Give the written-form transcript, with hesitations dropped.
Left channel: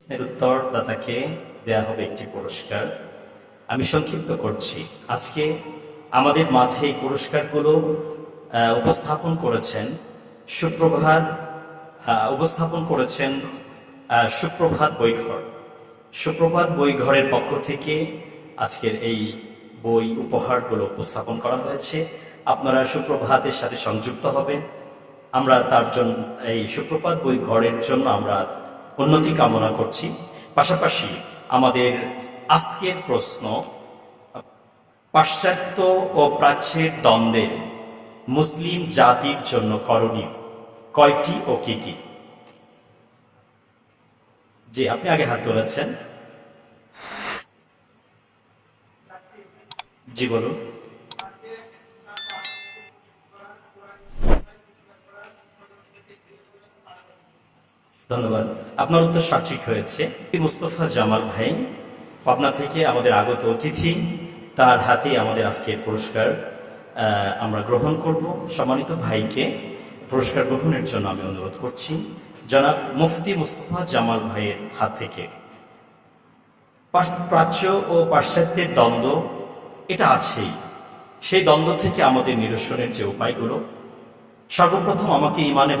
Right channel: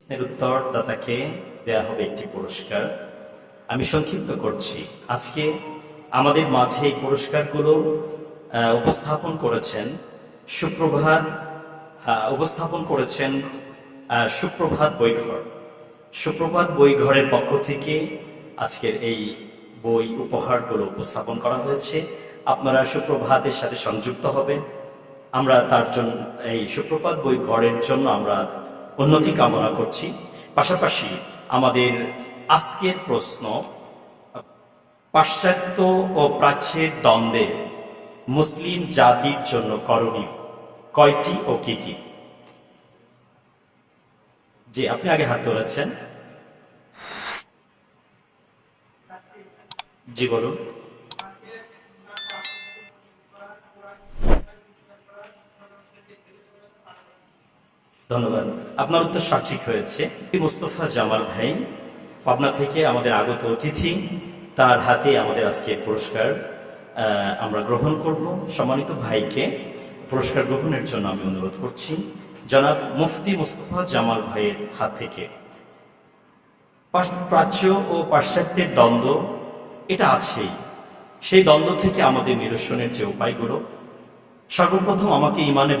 প্রশ্নের উত্তরদাতাকে দেয়া হবে একটি পুরস্কার। আমি সংক্ষিপ্ত করছি। আজকে আমাদের মাঝে এই পুরস্কারগুলো উপস্থাপন করেছেন সুপ্রভাত বইঘর। সুপ্রভাত বইঘরের পক্ষ থেকে আজকের এই বই উপহারগুলো উপস্থাপন করা হয়েছে। আপনারা সুপ্রভাতের সাথে সংযুক্ত হবেন। আমরা তার জন্য এই সুপ্রভাত বইঘরের জন্য আমরা উন্নতি কামনা করছি। পাশাপাশি আমাদের আজকের প্রশ্ন, পাশ্চাত্য ও প্রাচ্যের দ্বন্দ্বে মুসলিম জাতির জন্য করণীয় কয়টি ও কি কি? জি, আপনি আগে হাত তুলেছেন। জি বলুন। ধন্যবাদ, আপনার উত্তর সঠিক হয়েছে। মুস্তফা জামাল ভাই পাবনা থেকে আমাদের আগত অতিথি, তার হাতে আমাদের আজকের পুরস্কার আমরা গ্রহণ করব। সম্মানিত ভাইকে পুরস্কার গ্রহণের জন্য আমি অনুরোধ করছি জনাব মুফতি মুস্তফা জামাল ভাইয়ের হাত থেকে। প্রাচ্য ও পাশ্চাত্যের দ্বন্দ্ব এটা আছেই। সেই দ্বন্দ্ব থেকে আমাদের নিরসনের যে উপায়গুলো, সর্বপ্রথম আমাকে ইমানে